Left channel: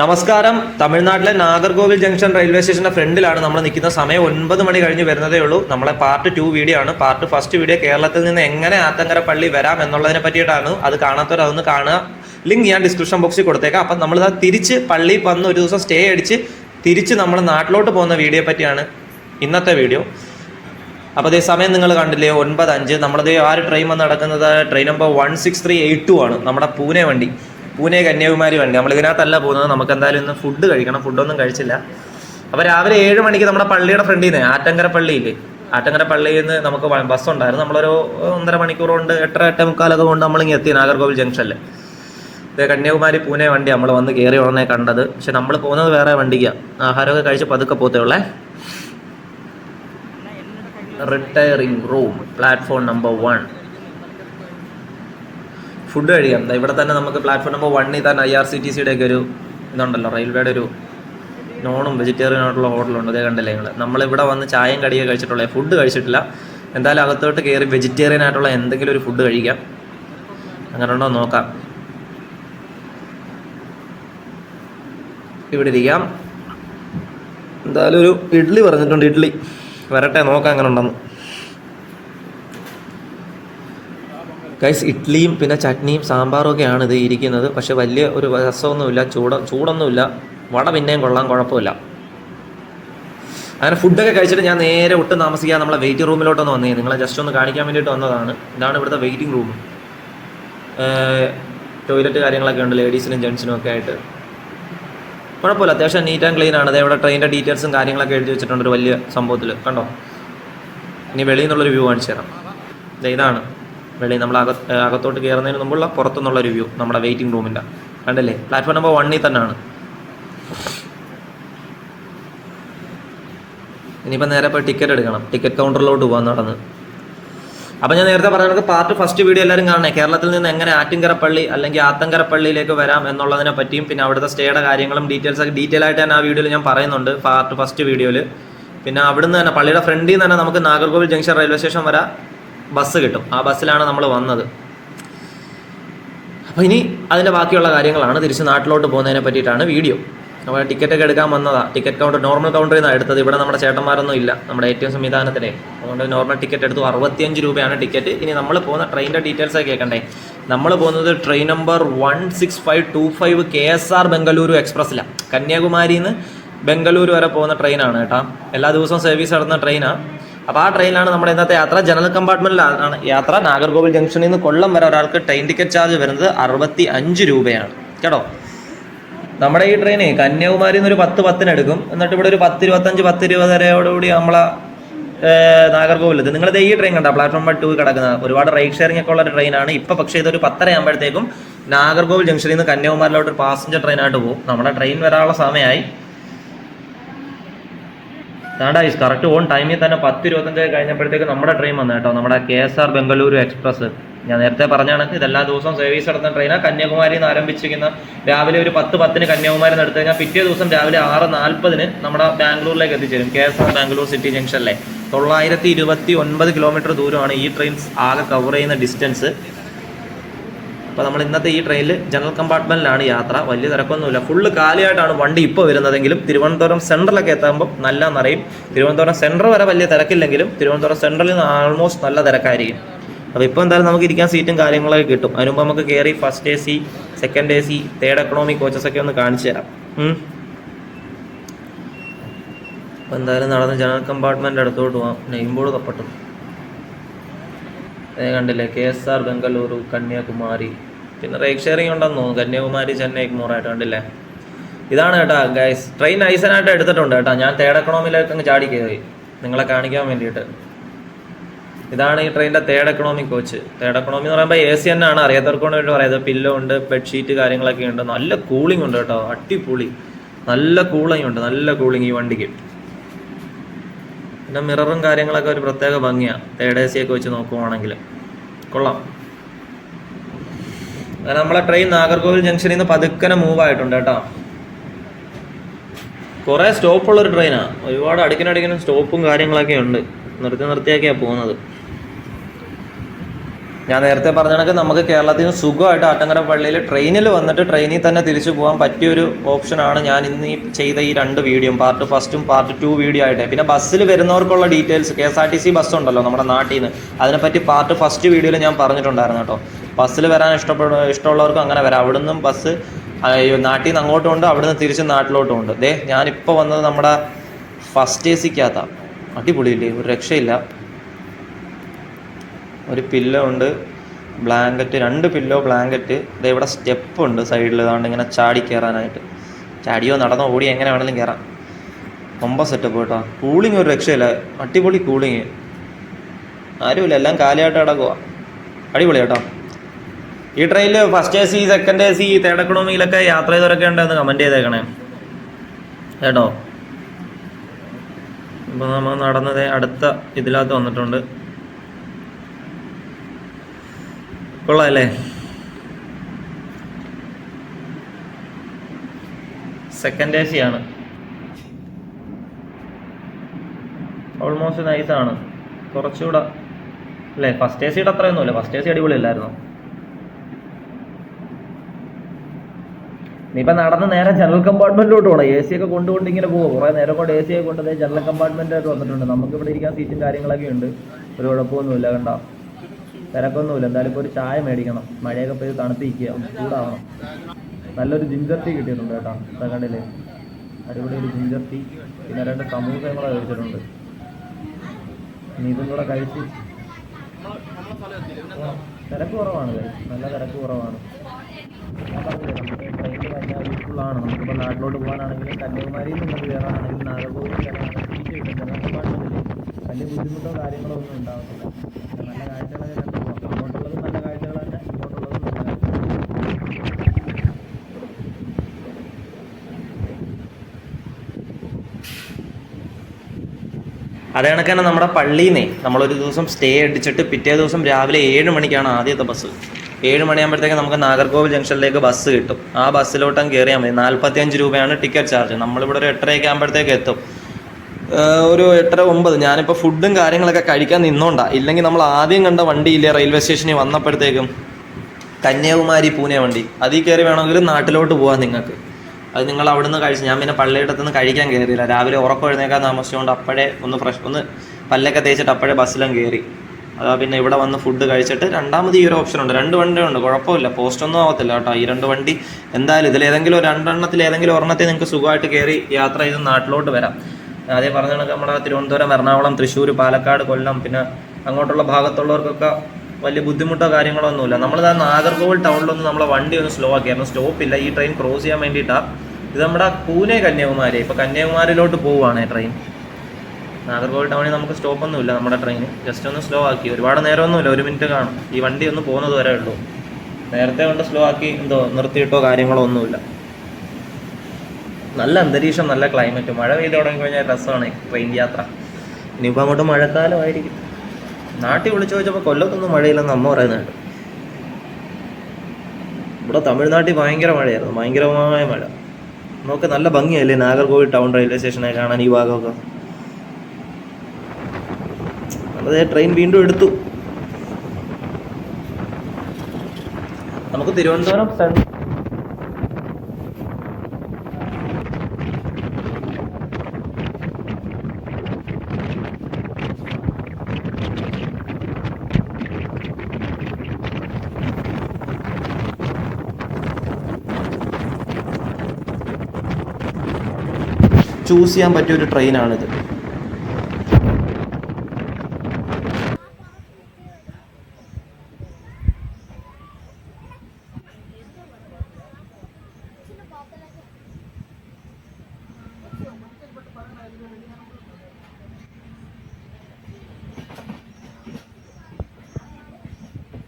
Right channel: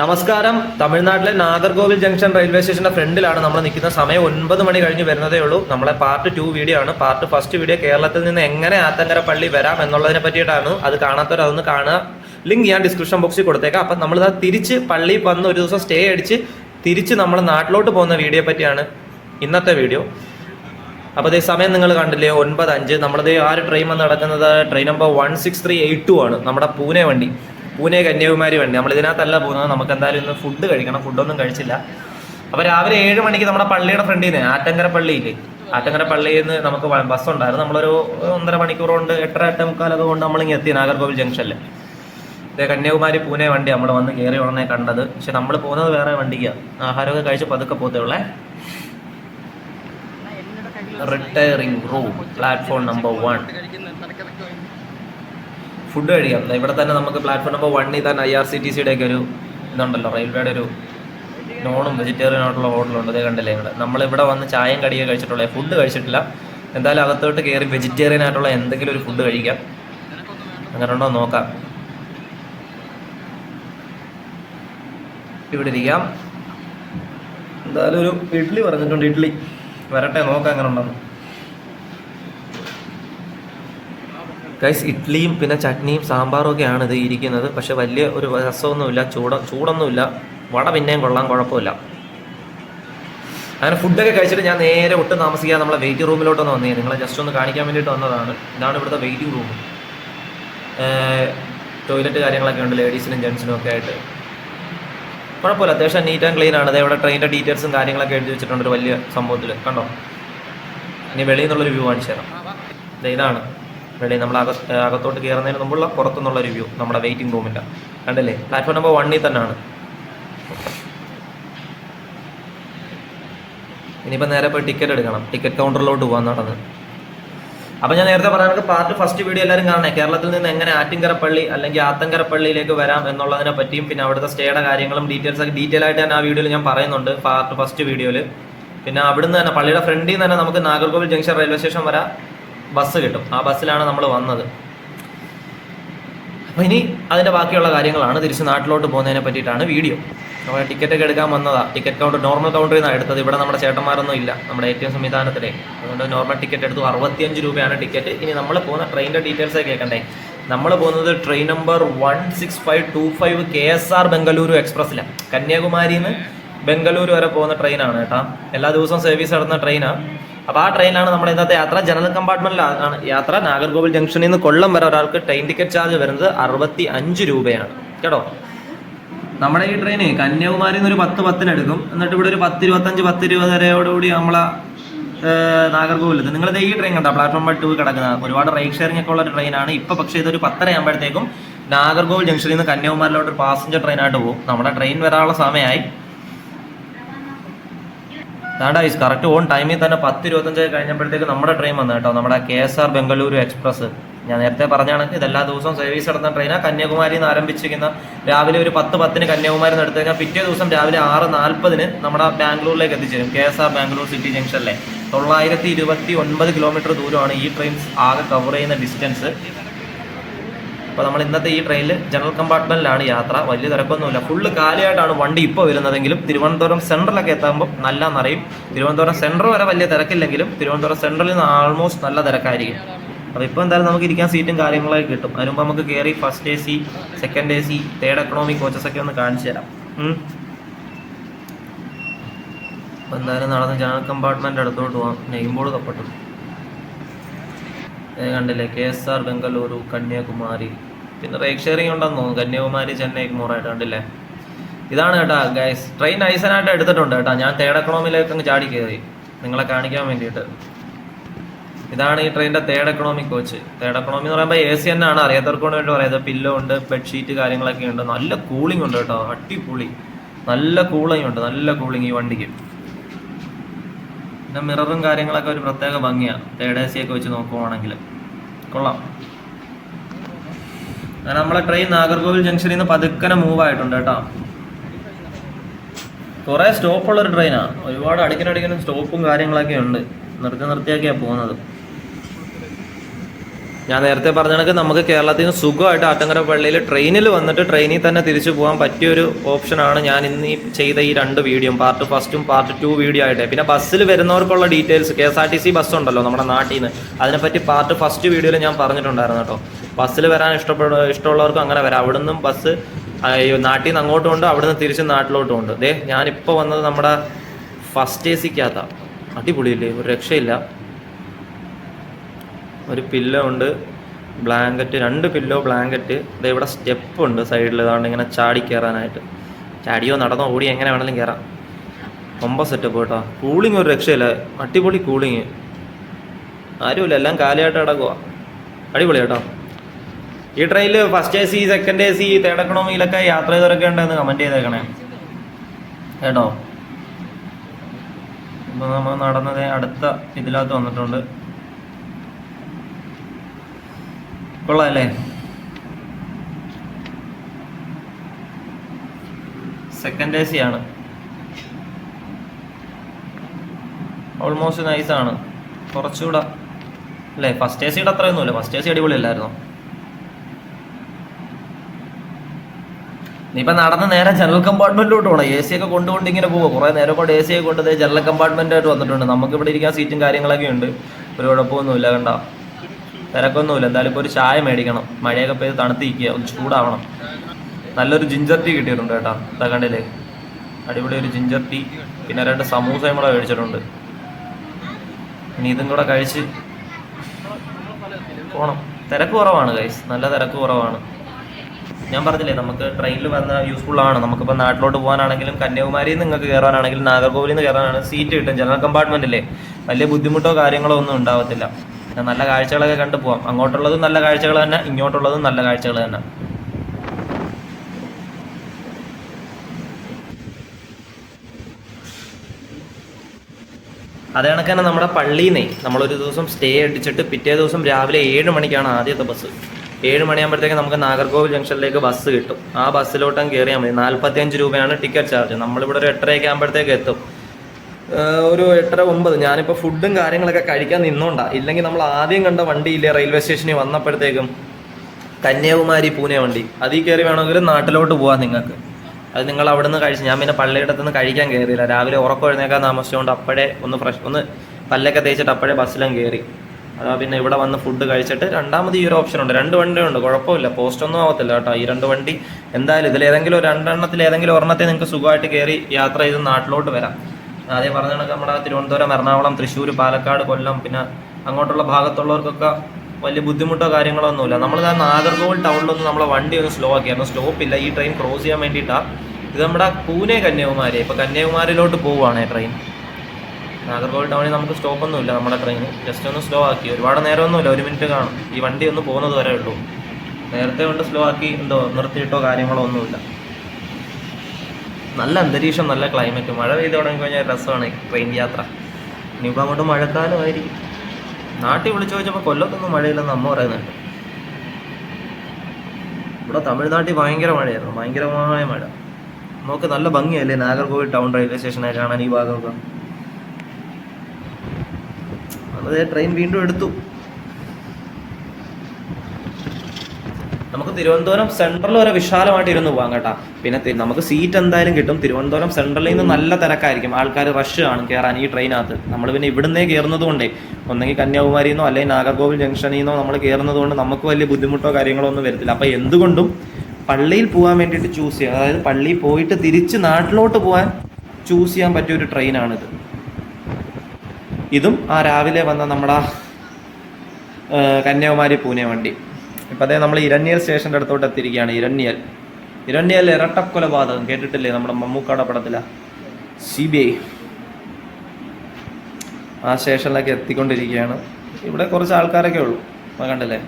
നമസ്കാരം. തമിഴ്നാട്ടിലെ Nagercoil junction railway സ്റ്റേഷന്റെ ഫ്രണ്ടിലാണ് നമ്മൾ നിൽക്കുന്ന സമയം ഒൻപത് മണി കഴിഞ്ഞ് വരുന്നതേ ഉള്ളൂ. നമ്മളെ പാർട്ട് ടു വീഡിയോ ആണ്. പാർട്ട് ഫസ്റ്റ് വീഡിയോ കേരളത്തിൽ നിന്ന് എങ്ങനെ ആത്തങ്കര പള്ളി വരാം എന്നുള്ളതിനെ പറ്റിയിട്ടാണ് അത് കാണാത്തവർ അതൊന്ന് കാണുക. ലിങ്ക് ഞാൻ ഡിസ്ക്രിപ്ഷൻ ബോക്സിൽ കൊടുത്തേക്കാം. അപ്പം നമ്മൾ തിരിച്ച് പള്ളി വന്ന് ഒരു ദിവസം സ്റ്റേ അടിച്ച് തിരിച്ച് നമ്മൾ നാട്ടിലോട്ട് പോകുന്ന വീഡിയോ പറ്റിയാണ് ഇന്നത്തെ വീഡിയോ അപ്പോൾ അതേ സമയം നിങ്ങൾ കണ്ടില്ലേ? ഒൻപത് അഞ്ച്. നമ്മളത് ആ ഒരു ട്രെയിൻ വന്ന് നടക്കുന്നത് train number one six three eight two ആണ്. നമ്മുടെ പൂനെ വണ്ടി. പൂനെ കന്യാകുമാരി വണ്ടി. നമ്മൾ ഇതിനകത്തല്ല പോകുന്നത്. നമുക്ക് എന്തായാലും ഇന്ന് ഫുഡ് കഴിക്കണം. ഫുഡൊന്നും കഴിച്ചില്ല. അപ്പോൾ രാവിലെ ഏഴ് മണിക്ക് നമ്മുടെ പള്ളിയുടെ ഫ്രണ്ടിൽ നിന്ന് ആറ്റങ്കര പള്ളിയില്ലേ? ആറ്റങ്കര പള്ളിയിൽ നിന്ന് നമുക്ക് ബസ് ഉണ്ടായിരുന്നു. നമ്മളൊരു ഒന്നര മണിക്കൂർ കൊണ്ട് എട്ടര എട്ടേ മുക്കാലൊക്കെ കൊണ്ട് നമ്മളിങ്ങ് എത്തി നാഗർകോവിൽ ജംഗ്ഷനിൽ ഇതേ കന്യാകുമാരി പൂനെ വണ്ടി നമ്മൾ വന്ന് കയറി ഉടനെ കണ്ടത്. പക്ഷെ നമ്മൾ പോകുന്നത് വേറെ വണ്ടിക്കാണ് ആഹാരമൊക്കെ കഴിച്ച് പതുക്കെ പോത്തേ ഉള്ളേ. Retiring room platform number one food കഴിക്കാം. ഇവിടെ തന്നെ നമുക്ക് പ്ലാറ്റ്ഫോം നമ്പർ വണ്ണിൽ തന്നെ ഐ ആർ സി ടി സിയുടെ ഒക്കെ ഒരു ഇതുണ്ടല്ലോ റെയിൽവേയുടെ ഒരു നോണും വെജിറ്റേറിയൻ ആയിട്ടുള്ള ഹോട്ടലുണ്ട് അതേ കണ്ടില്ലേ നിങ്ങൾ നമ്മളിവിടെ വന്ന് ചായയും കടിയൊക്കെ കഴിച്ചിട്ടുള്ളത് ഫുഡ് കഴിച്ചിട്ടില്ല. എന്തായാലും അകത്തോട്ട് കയറി വെജിറ്റേറിയൻ ആയിട്ടുള്ള എന്തെങ്കിലും ഒരു ഫുഡ് കഴിക്കാം. അങ്ങനെ ഉണ്ടോ നോക്കാം. ഇവിടെ ഇരിക്കാം. എന്തായാലും ഒരു ഇഡ്ഡലി പറഞ്ഞിട്ടുണ്ട് ഇഡ്ഡലി വരട്ടെ നോക്കാം അങ്ങനെ ഉണ്ടെന്ന്. ഗൈസ് ഇഡ്ഡലിയും പിന്നെ ചട്നിയും സാമ്പാറും ഒക്കെയാണ് ഇത് ഇരിക്കുന്നത്. പക്ഷെ വലിയ ഒരു രസമൊന്നുമില്ല ചൂട ചൂടൊന്നുമില്ല. വട പിന്നെയും കൊള്ളാം കുഴപ്പമില്ല. അങ്ങനെ ഫുഡൊക്കെ കഴിച്ചിട്ട് ഞാൻ നേരെ ഒട്ടും താമസിക്കാൻ നമ്മളെ വെയിറ്റിംഗ് റൂമിലോട്ടൊന്ന് വന്നേ. നിങ്ങളെ ജസ്റ്റ് ഒന്ന് കാണിക്കാൻ വേണ്ടിയിട്ട് വന്നതാണ്. ഇതാണ് ഇവിടുത്തെ വെയിറ്റിംഗ് റൂം ടോയ്ലറ്റ് കാര്യങ്ങളൊക്കെ ഉണ്ട് ലേഡീസിനും ജെൻസിനും ഒക്കെ ആയിട്ട്. കുഴപ്പമില്ല അത്യാവശ്യം നീറ്റ് ആൻഡ് ക്ലീൻ ആണ്. അതേവിടെ ട്രെയിനിന്റെ ഡീറ്റെയിൽസും കാര്യങ്ങളൊക്കെ എഴുതി വെച്ചിട്ടുണ്ട് ഒരു വലിയ സംഭവത്തിൽ കണ്ടോ? ഇനി വെളിയിൽ നിന്നുള്ളൊരു വ്യൂ കാണിച്ചു തരാം. ഇതാണ്. വെളിയിൽ നമ്മൾ അക അകത്തോട്ട് കയറുന്നതിന് മുമ്പുള്ള പുറത്തുനിന്നുള്ള ഒരു വ്യൂ നമ്മുടെ വെയിറ്റിംഗ് റൂമിന്റെ കണ്ടല്ലേ? പ്ലാറ്റ്ഫോം നമ്പർ വണ്ണിൽ തന്നെയാണ്. ഇനിയിപ്പോൾ നേരെ പോയി ടിക്കറ്റ് എടുക്കണം. ടിക്കറ്റ് കൗണ്ടറിലോട്ട് പോകാൻ നടന്ന്. അപ്പം ഞാൻ നേരത്തെ പറഞ്ഞ നമുക്ക് പാർട്ട് ഫസ്റ്റ് വീഡിയോ എല്ലാവരും കാണണേ. കേരളത്തിൽ നിന്ന് എങ്ങനെ ആറ്റിങ്കര പള്ളി അല്ലെങ്കിൽ ആത്തങ്കരപ്പള്ളിയിലേക്ക് വരാം എന്നുള്ളതിനെ പറ്റിയും പിന്നെ അവിടുത്തെ സ്റ്റേയുടെ കാര്യങ്ങളും ഡീറ്റെയിൽസ് ഒക്കെ ഡീറ്റെയിൽ ആയിട്ട് തന്നെ ആ വീഡിയോയിൽ ഞാൻ പറയുന്നുണ്ട് പാർട്ട് ഫസ്റ്റ് വീഡിയോയിൽ പിന്നെ അവിടുന്ന് തന്നെ പള്ളിയുടെ ഫ്രണ്ടിൽ നിന്ന് തന്നെ നമുക്ക് നാഗർകോവിൽ ജംഗ്ഷൻ റെയിൽവേ സ്റ്റേഷൻ വരെ. ബസ് കിട്ടും. ആ ബസ്സിലാണ് നമ്മൾ വന്നത്. അപ്പോൾ ഇനി അതിന്റെ ബാക്കിയുള്ള കാര്യങ്ങളാണ് തിരിച്ച് നാട്ടിലോട്ട് പോകുന്നതിനെ പറ്റിയിട്ടാണ് വീഡിയോ. നമ്മൾ ടിക്കറ്റ് ഒക്കെ എടുക്കാൻ വന്നതാ. ടിക്കറ്റ് കൗണ്ടർ നോർമൽ കൗണ്ടറിൽ നിന്നാണ് എടുത്തത്. ഇവിടെ നമ്മുടെ ചേട്ടന്മാരൊന്നും ഇല്ല. നമ്മുടെ എ ടി എം സംവിധാനത്തിലെ. അതുകൊണ്ട് നോർമൽ ടിക്കറ്റ് എടുത്തു. അറുപത്തിയഞ്ച് രൂപയാണ് ടിക്കറ്റ്. ഇനി നമ്മൾ പോകുന്ന ട്രെയിനിന്റെ ഡീറ്റെയിൽസ് കേൾക്കണ്ടേ? നമ്മൾ പോകുന്നത് train number one six five two five K S R Bengaluru എക്സ്പ്രസ്സിലാണ് കന്യാകുമാരിയിൽ നിന്ന് ബംഗളൂരു വരെ പോകുന്ന ട്രെയിനാണ് കേട്ടോ. എല്ലാ ദിവസവും സർവീസ് നടന്ന ട്രെയിനാണ് അപ്പോൾ ആ ട്രെയിനിലാണ് നമ്മുടെ ഇന്നത്തെ യാത്ര. ജനറൽ കമ്പാർട്ട്മെന്റിലാണ് യാത്ര. നാഗർകോവിൽ ജംഗ്ഷനിൽ നിന്ന് കൊല്ലം വരെ ഒരാൾക്ക് ട്രെയിൻ ടിക്കറ്റ് ചാർജ് വരുന്നത് അറുപത്തി അഞ്ച് രൂപയാണ്. കേട്ടോ? നമ്മുടെ ഈ ട്രെയിന് കന്യാകുമാരി നിന്ന് ഒരു പത്ത് പത്തിന് എടുക്കും. എന്നിട്ട് ഇവിടെ ഒരു പത്ത് ഇരുപത്തഞ്ച് പത്ത് ഇരുപതരയോടുകൂടി നമ്മളെ നാഗർകോവിൽ എത്തും നിങ്ങൾ ഈ ട്രെയിൻ കണ്ട പ്ലാറ്റ്ഫോം നമ്പർ ടു കിടക്കുന്നത് ഒരുപാട് റൈഡ് ഷെയറിംഗ് ഒക്കെ ഉള്ള ഒരു ട്രെയിനാണ് ഇപ്പൊ പക്ഷേ ഇതൊരു പത്തര ആകുമ്പോഴത്തേക്കും നാഗർകോവിൽ ജംഗ്ഷനിൽ നിന്ന് കന്യാകുമാരിലോട്ട് ഒരു പാസഞ്ചർ ട്രെയിനായിട്ട് പോകും. നമ്മുടെ ട്രെയിൻ വരാനുള്ള സമയമായി താണ്ടാ കറക്റ്റ് ഓൺ ടൈമിൽ തന്നെ പത്ത് ഇരുപത്തഞ്ച് കഴിഞ്ഞപ്പോഴത്തേക്ക് നമ്മുടെ ട്രെയിൻ വന്നു കേട്ടോ. നമ്മുടെ K S R Bengaluru express ഞാൻ നേരത്തെ പറഞ്ഞാണ് ഇതെല്ലാ ദിവസവും സർവീസ് നടത്തുന്ന ട്രെയിനാണ് കന്യാകുമാരിയിൽ നിന്ന് ആരംഭിച്ചിരിക്കുന്ന രാവിലെ ഒരു പത്ത് പത്തിന് കന്യാകുമാരി നിന്ന് എടുത്തു കഴിഞ്ഞാൽ പിറ്റേ ദിവസം രാവിലെ ആറ് നാൽപ്പതിന് നമ്മുടെ ബാംഗ്ലൂരിലേക്ക് എത്തിച്ചേരും. K S R Bangalore city ജംഗ്ഷനിലെ തൊള്ളായിരത്തി ഇരുപത്തി ഒൻപത് കിലോമീറ്റർ ദൂരമാണ് ഈ ട്രെയിൻ ആകെ കവർ ചെയ്യുന്ന ഡിസ്റ്റൻസ് അപ്പോൾ നമ്മൾ ഇന്നത്തെ ഈ ട്രെയിനിൽ ജനറൽ കമ്പാർട്ട്മെന്റിലാണ് യാത്ര. വലിയ തിരക്കൊന്നുമില്ല. ഫുള്ള് കാലിയായിട്ടാണ് വണ്ടി ഇപ്പോൾ വരുന്നതെങ്കിലും തിരുവനന്തപുരം സെൻട്രലൊക്കെ എത്തുമ്പോൾ നല്ല നിറയും തിരുവനന്തപുരം സെൻട്രൽ വരെ വലിയ തിരക്കില്ലെങ്കിലും തിരുവനന്തപുരം സെൻട്രലിൽ നിന്ന് ആൾമോസ്റ്റ് നല്ല തിരക്കായിരിക്കും. അപ്പോൾ ഇപ്പോൾ എന്തായാലും നമുക്ക് ഇരിക്കാൻ സീറ്റും കാര്യങ്ങളൊക്കെ കിട്ടും. അതിനുമ്പോൾ നമുക്ക് കയറി first A C second A C third economy coaches ഒക്കെ ഒന്ന് കാണിച്ചു തരാം. അപ്പോൾ എന്തായാലും നടന്ന് ജനറൽ കമ്പാർട്ട്മെന്റ് അടുത്തോട്ട് പോകാം നെയിം ബോർഡ് തപ്പട്ടും. കണ്ടില്ലേ? K S R Bengaluru Kanyakumari. പിന്നെ റേക്ക് ഷെയറിംഗ് ഉണ്ടെന്ന് തോന്നുന്നു. കന്യാകുമാരി ചെന്നൈ എഗ്മോറായിട്ട് കണ്ടില്ലേ? ഇതാണ് കേട്ടാ ഗൈസ് ട്രെയിൻ ഐസനായിട്ട് എടുത്തിട്ടുണ്ട് കേട്ടാ. ഞാൻ തേർഡ് എക്കണോമിയിലേക്ക് അങ്ങ് കയറി. നിങ്ങളെ കാണിക്കാൻ വേണ്ടിയിട്ട്. ഇതാണ് ഈ ട്രെയിനിന്റെ third economy coach third economy എന്ന് പറയുമ്പോൾ എ സി തന്നെ ആണ്. അറിയാത്തവർക്ക് വേണ്ടി പറയുന്നത് പില്ലോ ഉണ്ട് ബെഡ്ഷീറ്റ് കാര്യങ്ങളൊക്കെ ഉണ്ട്. നല്ല കൂളിംഗ് ഉണ്ട് കേട്ടോ. അടിപൊളി. നല്ല കൂളിംഗ് ഉണ്ട്. നല്ല കൂളിംഗ് ഈ വണ്ടിക്ക്. പിന്നെ മിററും കാര്യങ്ങളൊക്കെ ഒരു പ്രത്യേക ഭംഗിയാണ്. തേർഡ് എ സി ഒക്കെ വെച്ച് നോക്കുവാണെങ്കിൽ കൊള്ളാം. അങ്ങനെ നമ്മളെ ട്രെയിൻ നാഗർകോവിൽ ജംഗ്ഷനിൽ നിന്ന് പതുക്കനെ മൂവ് ആയിട്ടുണ്ട് കേട്ടോ. കുറേ സ്റ്റോപ്പുള്ളൊരു ട്രെയിനാണ് ഒരുപാട് അടിക്കനടിക്കുന്ന സ്റ്റോപ്പും കാര്യങ്ങളൊക്കെ ഉണ്ട്. നിർത്തി നിർത്തിയൊക്കെയാണ് പോകുന്നത്. ഞാൻ നേരത്തെ പറഞ്ഞ കണക്ക് നമുക്ക് കേരളത്തിൽ നിന്ന് സുഖമായിട്ട് ആറ്റങ്കര പള്ളിയിൽ ട്രെയിനിൽ വന്നിട്ട് ട്രെയിനിൽ തന്നെ തിരിച്ചു പോകാൻ പറ്റിയൊരു ഓപ്ഷനാണ് ഞാൻ ഇന്ന് ഈ ചെയ്ത ഈ രണ്ട് വീഡിയോ പാർട്ട് ഫസ്റ്റും പാർട്ട് ടു വീഡിയോ ആയിട്ട്. പിന്നെ ബസ്സിൽ വരുന്നവർക്കുള്ള details K S R T C bus ഉണ്ടല്ലോ നമ്മുടെ നാട്ടിൽ നിന്ന് അതിനെപ്പറ്റി പാർട്ട് ഫസ്റ്റ് വീഡിയോയിൽ ഞാൻ പറഞ്ഞിട്ടുണ്ടായിരുന്നു കേട്ടോ. ബസ്സിൽ വരാൻ ഇഷ്ടപ്പെടു ഇഷ്ടമുള്ളവർക്കും അങ്ങനെ വരാം. അവിടുന്ന് ബസ് നാട്ടിൽ നിന്ന് അങ്ങോട്ടും ഉണ്ട് അവിടുന്ന് തിരിച്ച് നാട്ടിലോട്ടും ഉണ്ട്. ദേ ഞാനിപ്പോൾ വന്നത് നമ്മുടെ ഫസ്റ്റ് എ സിക്കകത്താണ് അടിപൊളിയില്ലേ? ഒരു രക്ഷയില്ല. ഒരു പില്ലോ ഉണ്ട് ബ്ലാങ്കറ്റ് രണ്ട് പില്ലോ ബ്ലാങ്കറ്റ് ഇത് ഇവിടെ സ്റ്റെപ്പ് ഉണ്ട് സൈഡിൽ അതുകൊണ്ട് ഇങ്ങനെ ചാടി കയറാനായിട്ട് ചാടിയോ നടന്നോ ഓടി എങ്ങനെ വേണമെങ്കിലും കയറാം ഒമ്പ സെറ്റപ്പ് കേട്ടോ. കൂളിംഗ് ഒരു രക്ഷയില്ല. അടിപൊളി കൂളിങ് ആരുമില്ല. എല്ലാം കാലിയായിട്ട് കിടക്കുക അടിപൊളി കേട്ടോ. ഈ ട്രെയിനിൽ first A C second A C third എക്കണോമിയിലൊക്കെ യാത്ര ചെയ്തവരൊക്കെ ഉണ്ടെന്ന് കമന്റ് ചെയ്തേക്കണേ. കേട്ടോ. ഇപ്പം നമ്മൾ നടന്നത് അടുത്ത ഇതിനകത്ത് വന്നിട്ടുണ്ട്. കൊള്ളാമല്ലേ സെക്കൻഡ് എ സി ആണ് ഓൾമോസ്റ്റ് നൈസാണ് കുറച്ചുകൂടെ അല്ലേ ഫസ്റ്റ് എ സിയുടെ അത്രയൊന്നുമില്ല ഫസ്റ്റ് എ സി അടിപൊളിയല്ലായിരുന്നു? ഇനിയിപ്പോൾ നടന്ന് നേരെ ജനറൽ കമ്പാർട്ട്മെന്റിലോട്ട് പോകണം എ സി ഒക്കെ കൊണ്ടുകൊണ്ട് ഇങ്ങനെ പോകുക കുറേ നേരം കൊണ്ട് എ സി ഒക്കെ കൊണ്ട് ജനറൽ കമ്പാർട്ട്മെന്റായിട്ട് വന്നിട്ടുണ്ട്. നമുക്ക് ഇവിടെ ഇരിക്കാൻ സീറ്റും കാര്യങ്ങളൊക്കെ ഉണ്ട്. ഒരു കുഴപ്പമൊന്നുമില്ല കണ്ട? തിരക്കൊന്നുമില്ല. എന്തായാലും ഇപ്പോൾ ഒരു ചായ മേടിക്കണം. മഴയൊക്കെ പെയ്ത് തണുത്തിരിക്കുക. ഒന്ന് ചൂടാവണം. നല്ലൊരു ജിഞ്ചർ ടീ കിട്ടിയിട്ടുണ്ട് കേട്ടോ ഇതാ കണ്ടില്ലേ അടിപൊളി ഒരു ജിഞ്ചർ ടീ പിന്നെ രണ്ട് സമൂസയും കൂടെ മേടിച്ചിട്ടുണ്ട്. ഇനി ഇതും കൂടെ കഴിച്ച് പോണം. തിരക്ക് കുറവാണ് കൈസ് നല്ല തിരക്ക് കുറവാണ്. ഞാൻ പറഞ്ഞില്ലേ നമുക്ക് ട്രെയിനിൽ വന്ന യൂസ്ഫുൾ ആണ്. നമുക്കിപ്പോൾ നാട്ടിലോട്ട് പോകാനാണെങ്കിലും കന്യാകുമാരിയിൽ നിന്ന് നിങ്ങൾക്ക് കയറാനാണെങ്കിലും നാഗർകോവിലിൽ നിന്ന് കയറാനാണെങ്കിലും സീറ്റ് കിട്ടും. ജനറൽ കമ്പാർട്ട്മെന്റ് അല്ലേ വലിയ ബുദ്ധിമുട്ടോ കാര്യങ്ങളോ ഒന്നും ഉണ്ടാവത്തില്ല. നല്ല കാഴ്ചകളൊക്കെ കണ്ടു പോവാം. അങ്ങോട്ടുള്ളതും നല്ല കാഴ്ചകൾ തന്നെ ഇങ്ങോട്ടുള്ളതും നല്ല കാഴ്ചകൾ തന്നെ. അതേ കണക്ക് തന്നെ നമ്മുടെ പള്ളിയിൽ നമ്മളൊരു ദിവസം സ്റ്റേ അടിച്ചിട്ട് പിറ്റേ ദിവസം രാവിലെ ഏഴ് മണിക്കാണ് ആദ്യത്തെ ബസ് ഏഴ് മണിയാകുമ്പോഴത്തേക്ക് നമുക്ക് നാഗർകോവിൽ ജംഗ്ഷനിലേക്ക് ബസ് കിട്ടും. ആ ബസ്സിലോട്ടും കയറിയാൽ മതി. നാൽപ്പത്തിയഞ്ച് രൂപയാണ് ടിക്കറ്റ് ചാർജ് നമ്മളിവിടെ ഒരു എട്ടരയൊക്കെ ആകുമ്പോഴത്തേക്ക് എത്തും. ഒരു എട്ടര ഒമ്പത്. ഞാനിപ്പോൾ ഫുഡും കാര്യങ്ങളൊക്കെ കഴിക്കാൻ നിന്നോണ്ടാ. ഇല്ലെങ്കിൽ നമ്മൾ ആദ്യം കണ്ട വണ്ടിയില്ലേ റെയിൽവേ സ്റ്റേഷനിൽ വന്നപ്പോഴത്തേക്കും കന്യാകുമാരി പൂനെ വണ്ടി. അതിൽ കയറി വേണമെങ്കിൽ നാട്ടിലോട്ട് പോകാം നിങ്ങൾക്ക്. അത് നിങ്ങൾ അവിടെ നിന്ന് കഴിച്ച് ഞാൻ പിന്നെ പള്ളിയുടെ നിന്ന് കഴിക്കാൻ കയറിയില്ല. രാവിലെ ഉറക്കം എഴുന്നേക്കാൻ താമസിച്ചുകൊണ്ട് അപ്പോഴേ ഒന്ന് ഫ്രഷ് ഒന്ന് പല്ലൊക്കെ തേച്ചിട്ട് അപ്പോഴേ ബസ്സിലും കയറി. അതാ പിന്നെ ഇവിടെ വന്ന് ഫുഡ് കഴിച്ചിട്ട് രണ്ടാമത് ഈ ഒരു ഓപ്ഷൻ ഉണ്ട്. രണ്ട് വണ്ടിയുണ്ട് കുഴപ്പമില്ല. പോസ്റ്റ് ഒന്നും ആവത്തില്ല കേട്ടോ. ഈ രണ്ട് വണ്ടി എന്തായാലും ഇതിൽ ഏതെങ്കിലും രണ്ടെണ്ണത്തിൽ ഏതെങ്കിലും ഒരെണ്ണത്തിൽ നിങ്ങൾക്ക് സുഖമായിട്ട് കയറി യാത്ര ചെയ്ത് നാട്ടിലോട്ട് വരാം. ആദ്യം പറഞ്ഞ കണക്ക് നമ്മുടെ തിരുവനന്തപുരം എറണാകുളം തൃശ്ശൂർ പാലക്കാട് കൊല്ലം പിന്നെ അങ്ങോട്ടുള്ള ഭാഗത്തുള്ളവർക്കൊക്കെ വലിയ ബുദ്ധിമുട്ടോ കാര്യങ്ങളോ ഒന്നുമില്ല. നമ്മൾ നാഗർകോവിൽ ടൗണിലൊന്നും നമ്മളെ വണ്ടി ഒന്ന് സ്ലോ ആക്കിയാണ് സ്റ്റോപ്പ് ഇല്ല. ഈ ട്രെയിൻ ക്രോസ് ചെയ്യാൻ വേണ്ടിയിട്ടാണ് ഇത് നമ്മുടെ പൂനെ കന്യാകുമാരി. ഇപ്പോൾ കന്യാകുമാരിയിലോട്ട് പോവുകയാണ് ട്രെയിൻ നാഗർകോവിൽ ടൗണിൽ നമുക്ക് സ്റ്റോപ്പൊന്നുമില്ല നമ്മുടെ ട്രെയിൻ ജസ്റ്റ് ഒന്ന് സ്ലോ ആക്കി. ഒരുപാട് നേരമൊന്നുമില്ല. ഒരു മിനിറ്റ് കാണും. ഈ വണ്ടി ഒന്ന് പോകുന്നത് വരെ ഉള്ളൂ. നേരത്തെ കൊണ്ട് സ്ലോ ആക്കി എന്തോ നിർത്തിയിട്ടോ കാര്യങ്ങളോ ഒന്നുമില്ല. നല്ല അന്തരീക്ഷം നല്ല ക്ലൈമറ്റ് മഴ പെയ്ത് തുടങ്ങി കഴിഞ്ഞാൽ രസമാണ് ട്രെയിൻ യാത്ര. ഇനിയിപ്പോൾ അങ്ങോട്ട് മഴക്കാലമായിരിക്കും. നാട്ടിൽ വിളിച്ചു ചോദിച്ചപ്പോൾ കൊല്ലത്തൊന്നും മഴയില്ലെന്ന് അമ്മ പറയുന്നുണ്ട്. ഇവിടെ തമിഴ്നാട്ടിൽ ഭയങ്കര മഴയായിരുന്നു. ഭയങ്കരമായ മഴ. നോക്ക് നല്ല ഭംഗിയല്ലേ? നാഗർകോവിൽ ടൗൺ റെയിൽവേ സ്റ്റേഷനായി കാണാൻ ഈ ഭാഗമൊക്കെ. നമ്മളത് ട്രെയിൻ വീണ്ടും എടുത്തു. നമുക്ക് തിരുവനന്തപുരം സെൻട്രൽ വരെ വിശാലമായിട്ട് ഇരുന്ന് പോകാം കേട്ടാ. പിന്നെ നമുക്ക് സീറ്റ് എന്തായാലും കിട്ടും. തിരുവനന്തപുരം സെൻട്രലിൽ നിന്ന് നല്ല തിരക്കായിരിക്കും. ആൾക്കാർ റഷ് കാണും കയറാൻ ഈ ട്രെയിനകത്ത് നമ്മൾ പിന്നെ ഇവിടുന്നേ കയറുന്നത് കൊണ്ടേ ഒന്നെങ്കിൽ കന്യാകുമാരിയിൽ നിന്നോ അല്ലെങ്കിൽ നാഗർകോവിൽ ജംഗ്ഷനിൽ നിന്നോ നമ്മൾ കയറുന്നത് കൊണ്ട് നമുക്ക് വലിയ ബുദ്ധിമുട്ടോ കാര്യങ്ങളോ ഒന്നും വരത്തില്ല. അപ്പോൾ എന്തുകൊണ്ടും പള്ളിയിൽ പോകാൻ വേണ്ടിയിട്ട് ചൂസ് ചെയ്യാം. അതായത് പള്ളിയിൽ പോയിട്ട് തിരിച്ച് നാട്ടിലോട്ട് പോകാൻ ചൂസ് ചെയ്യാൻ പറ്റിയ ഒരു ട്രെയിനാണിത് ഇതും ആ രാവിലെ വന്ന നമ്മുടെ കന്യാകുമാരി പൂനെ വണ്ടി. ഇപ്പം അതേ നമ്മൾ ഇരണ്യൽ സ്റ്റേഷന്റെ അടുത്തോട്ട് എത്തിയിരിക്കുകയാണ് ഇരണ്യൽ. ഇരണ്യൽ ഇരട്ടക്കൊലപാതകം കേട്ടിട്ടില്ലേ നമ്മുടെ മമ്മൂക്കാട പടത്തില? സി ബി ഐ ആ സ്റ്റേഷനിലേക്ക് എത്തിക്കൊണ്ടിരിക്കുകയാണ്. ഇവിടെ കുറച്ച് ആൾക്കാരൊക്കെ ഉള്ളൂ. കണ്ടില്ലേ?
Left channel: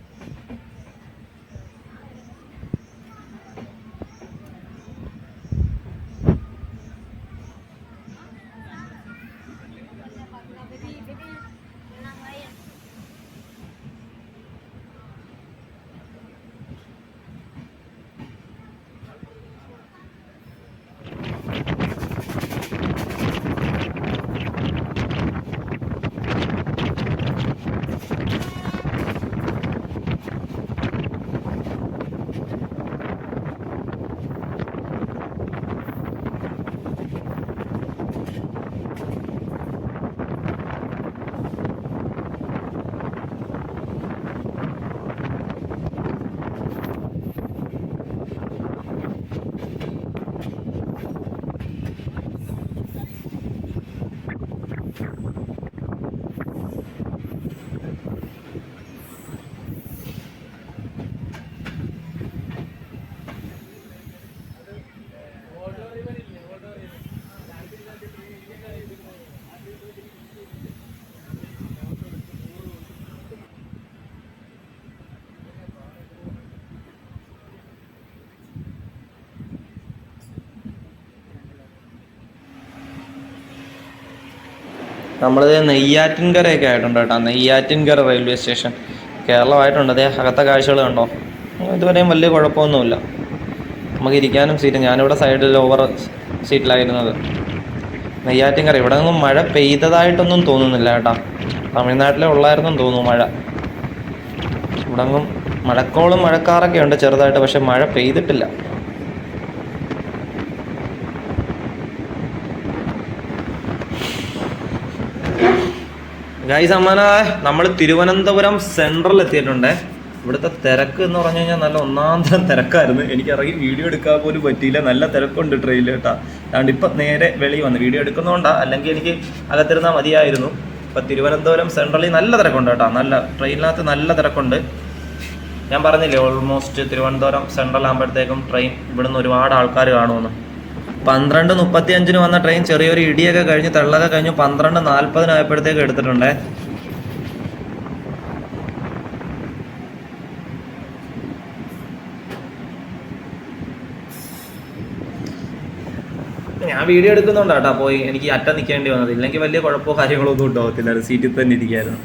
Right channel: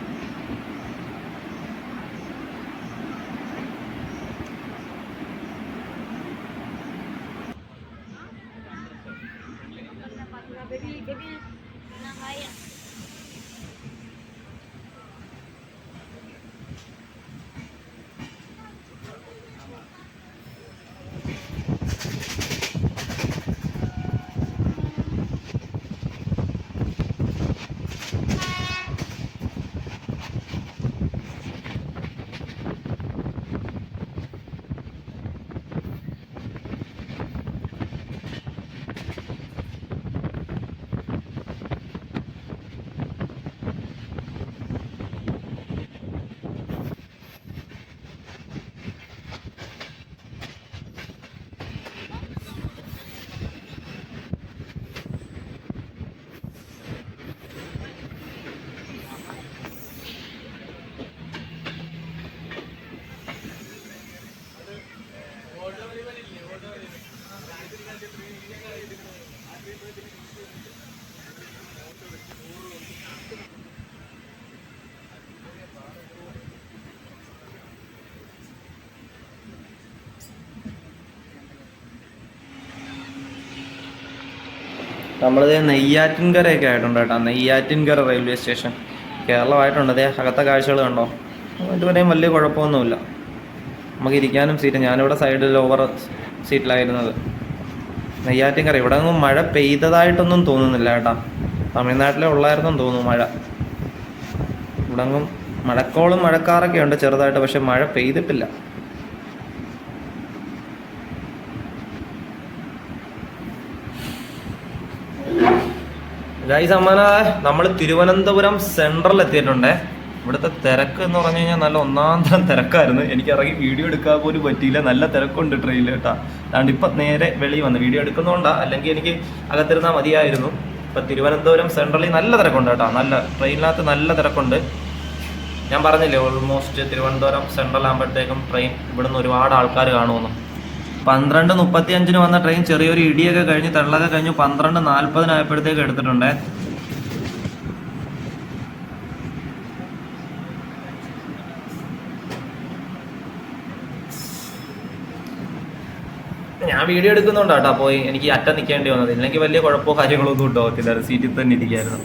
നമ്മളിത് നെയ്യാറ്റിൻകരയൊക്കെ ആയിട്ടുണ്ട് കേട്ടോ. നെയ്യാറ്റിൻകര റെയിൽവേ സ്റ്റേഷൻ കേരളമായിട്ടുണ്ട്. അതേ അകത്തെ കാഴ്ചകൾ കണ്ടോ? ഇതുവരെയും വലിയ കുഴപ്പമൊന്നുമില്ല. നമുക്ക് ഇരിക്കാനും സീറ്റ് ഞാനിവിടെ സൈഡിൽ ഓവർ സീറ്റിലായിരുന്നത് നെയ്യാറ്റിൻകര ഇവിടെ നിന്നും മഴ പെയ്തതായിട്ടൊന്നും തോന്നുന്നില്ല കേട്ടാ. തമിഴ്നാട്ടിലെ ഉള്ളായിരുന്നെന്ന് തോന്നുന്നു മഴ. ഇവിടെ നിന്നും മഴക്കോളും മഴക്കാറൊക്കെ ഉണ്ട് ചെറുതായിട്ട് പക്ഷെ മഴ പെയ്തിട്ടില്ല. ഗൈസ് അമ്മന നമ്മൾ തിരുവനന്തപുരം സെൻട്രൽ എത്തിയിട്ടുണ്ടേ. ഇവിടുത്തെ തിരക്ക് എന്ന് പറഞ്ഞു കഴിഞ്ഞാൽ നല്ല ഒന്നാം തരം തിരക്കായിരുന്നു. എനിക്ക് ഇറങ്ങി വീഡിയോ എടുക്കാൻ പോലും പറ്റിയില്ല. നല്ല തിരക്കുണ്ട് ട്രെയിനിൽ കേട്ടോ. അതുകൊണ്ട് ഇപ്പം നേരെ വെളി വന്നു വീഡിയോ എടുക്കുന്നതുകൊണ്ടാ അല്ലെങ്കിൽ എനിക്ക് അകത്തിരുന്നാൽ മതിയായിരുന്നു. ഇപ്പം തിരുവനന്തപുരം സെൻട്രലിൽ നല്ല തിരക്കുണ്ട് കേട്ടോ. നല്ല ട്രെയിനിനകത്ത് നല്ല തിരക്കുണ്ട്. ഞാൻ പറഞ്ഞില്ലേ ഓൾമോസ്റ്റ് തിരുവനന്തപുരം സെൻട്രൽ ആകുമ്പോഴത്തേക്കും ട്രെയിൻ ഇവിടുന്ന് ഒരുപാട് ആൾക്കാർ കാണുമെന്ന്. പന്ത്രണ്ട് മുപ്പത്തി അഞ്ചിന് വന്ന ട്രെയിൻ ചെറിയൊരു ഇടിയൊക്കെ കഴിഞ്ഞ് തള്ളൊക്കെ കഴിഞ്ഞ് പന്ത്രണ്ട് നാൽപ്പതിനായപ്പോഴത്തേക്ക് എടുത്തിട്ടുണ്ട്. ഞാൻ വീഡിയോ എടുക്കുന്നുണ്ട് കേട്ടോ പോയി എനിക്ക് അറ്റ നിൽക്കേണ്ടി വന്നത്. ഇല്ലെങ്കിൽ വലിയ കുഴപ്പമോ കാര്യങ്ങളോ ഒന്നും ഉണ്ടാവത്തില്ല സീറ്റിൽ തന്നെ ഇരിക്കായിരുന്നു.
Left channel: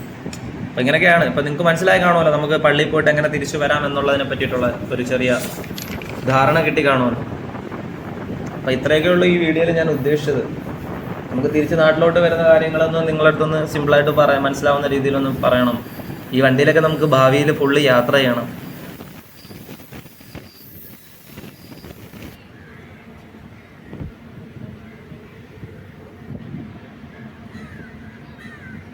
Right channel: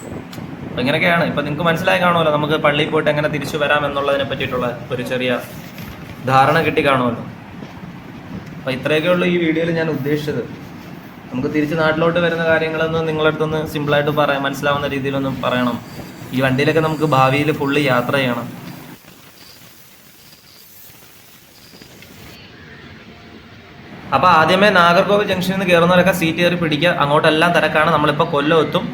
അപ്പം ഇങ്ങനെയൊക്കെയാണ്. ഇപ്പം നിങ്ങൾക്ക് മനസ്സിലായി കാണുമല്ലോ നമുക്ക് പള്ളിയിൽ പോയിട്ട് എങ്ങനെ തിരിച്ചു വരാം എന്നുള്ളതിനെ പറ്റിയിട്ടുള്ള ഒരു ചെറിയ ധാരണ കിട്ടി കാണുമല്ലോ. അപ്പം ഇത്രയൊക്കെ ഉള്ളൂ ഈ വീഡിയോയിൽ ഞാൻ ഉദ്ദേശിച്ചത്. നമുക്ക് തിരിച്ച് നാട്ടിലോട്ട് വരുന്ന കാര്യങ്ങളൊന്നും നിങ്ങളുടെ അടുത്തൊന്ന് സിമ്പിളായിട്ട് പറയാം മനസ്സിലാവുന്ന രീതിയിലൊന്നും പറയണം. ഈ വണ്ടിയിലൊക്കെ നമുക്ക് ഭാവിയിൽ ഫുള്ള് യാത്ര ചെയ്യണം. അപ്പോൾ ആദ്യമേ നാഗർകോവിൽ ജംഗ്ഷനിൽ നിന്ന് കയറുന്നവരൊക്കെ സീറ്റ് കയറി പിടിക്കുക. അങ്ങോട്ടെല്ലാം തിരക്കാണ്. നമ്മളിപ്പോൾ കൊല്ലം എത്തും.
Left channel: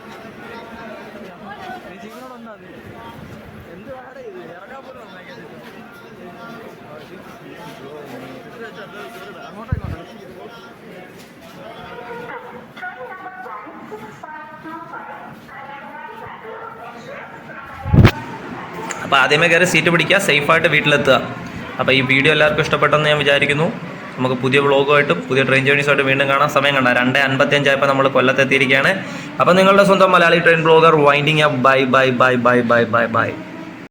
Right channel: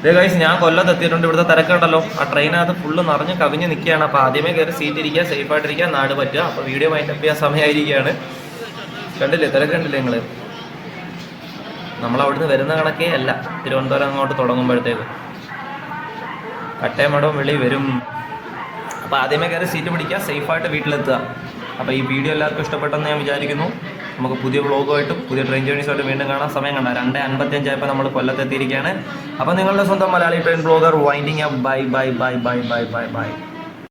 ഇതേ ഞാൻ കൊല്ലത്ത് എത്തിയിട്ടുണ്ട്. ഇവിടുത്തെ തിരക്കുണ്ടല്ലോ. ആ ട്രെയിനകത്ത് ഫുള്ള് നിറഞ്ഞ് കവിഞ്ഞ് നിൽക്കുകയാണ്. അപ്പോൾ ആദ്യമേ കയറി സീറ്റ് ഇരിക്കുക സേഫ് ആയിട്ടിരിക്കുക നാട് പറ്റുക. അപ്പോൾ വീഡിയോ മൈൻഡപ്പ് ചെയ്യാൻ സമയമായിരിക്കുകയാണ്. കണ്ടില്ലേ? തിരക്കുണ്ടല്ലേ നിങ്ങൾ നമ്മൾ അവിടുന്ന് വരുന്ന കണക്കേ അല്ല. തിരുവനന്തപുരം അങ്ങോട്ട് തുടങ്ങുമ്പോഴത്തേക്ക്. കട്ടയമടവും വെളി വരും. അപ്പോൾ ആദ്യമേ കയറി സീറ്റ് പിടിക്കുക സേഫായിട്ട് വീട്ടിലെത്തുക. അപ്പോൾ ഈ വീഡിയോ എല്ലാവർക്കും ഇഷ്ടപ്പെട്ടെന്ന് ഞാൻ വിചാരിക്കുന്നു. നമുക്ക് പുതിയ വ്ളോഗുമായിട്ടും പുതിയ ട്രെയിൻ ജേണീസുമായിട്ട് വീണ്ടും കാണാൻ സമയം കണ്ട രണ്ട് അൻപത്തിയഞ്ചായപ്പോൾ നമ്മൾ കൊല്ലത്തെത്തിയിരിക്കുകയാണ് അപ്പോൾ നിങ്ങളുടെ സ്വന്തം Malayali train blogger winding up bye bye bye bye bye bye bye